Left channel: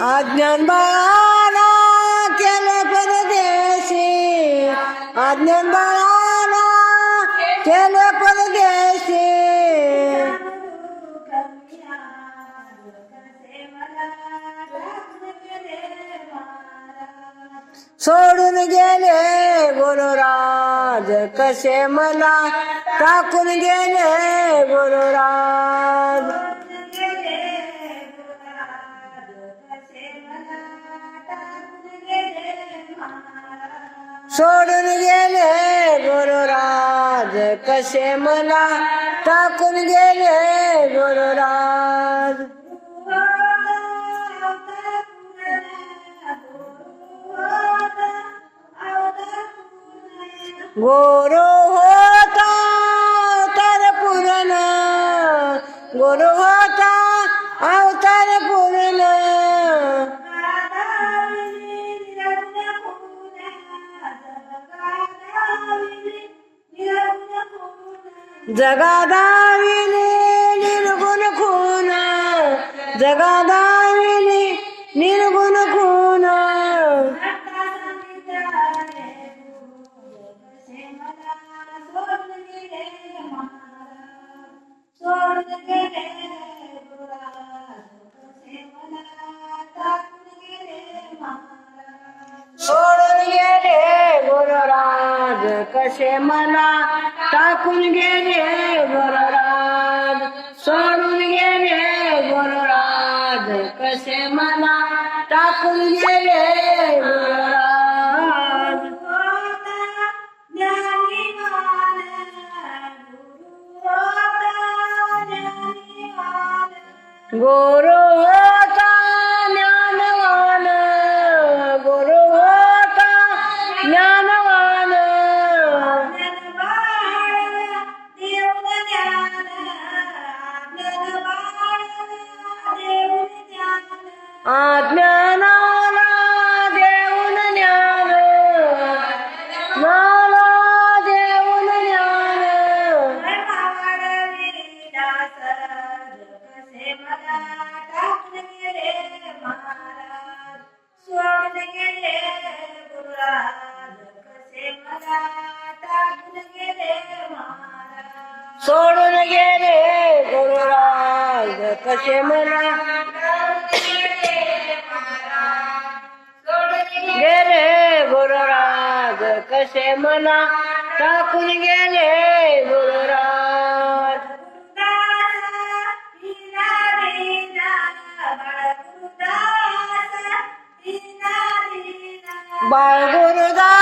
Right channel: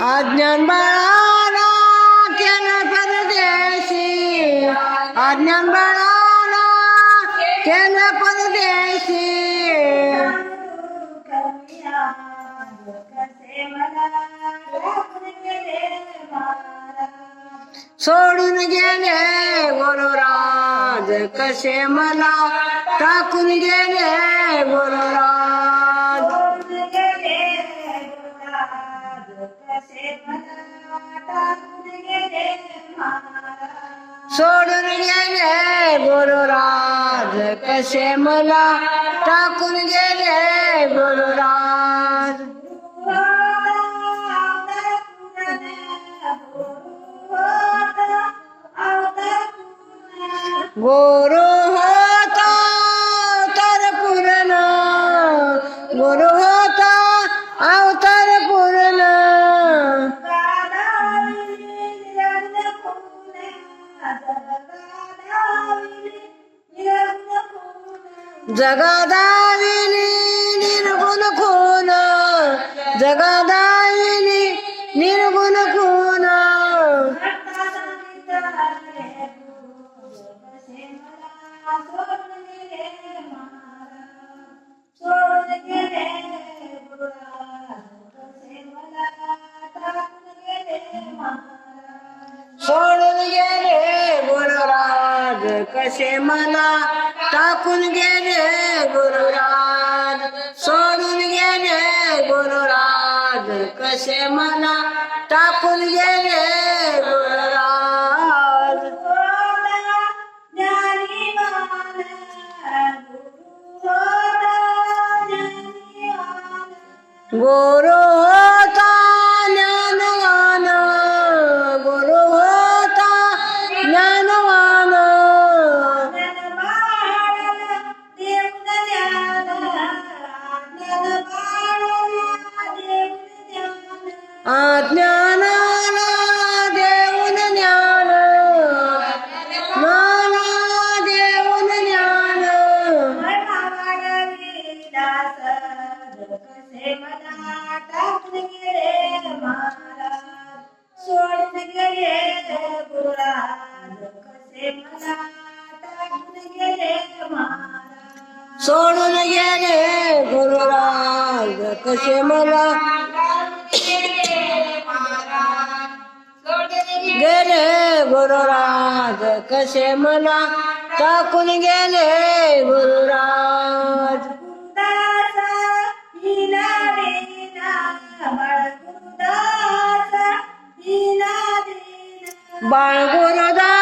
अज्ञान बाळाला केलं परदेशी. अज्ञान बाळाला केलं परदेशी. सोडून गेले गुरुराज कसे मला टाकून गेले गुरुराज सोडून गेले गुरुराज कसे मला टाकून गेले गुरुराज गुरु जगादाविने निर्गुण खून. जगादाविने निर्गुण खून. सोडून गेले गुणराज. कसे मला टाकून गेले गुरुराज. सोडून गेले गुरुराज. कसे मला टाकून गेले गुरुराज. गुरु अज्ञानाला देऊन ज्ञान. मला देऊन ज्ञान. सोडून गेले कसे मला टाकून गेले सोडून गेले गुरुराज कसे मला गेले गुरुराज कसे मला टाकून गेले गुरुराज बाळ गुरुदास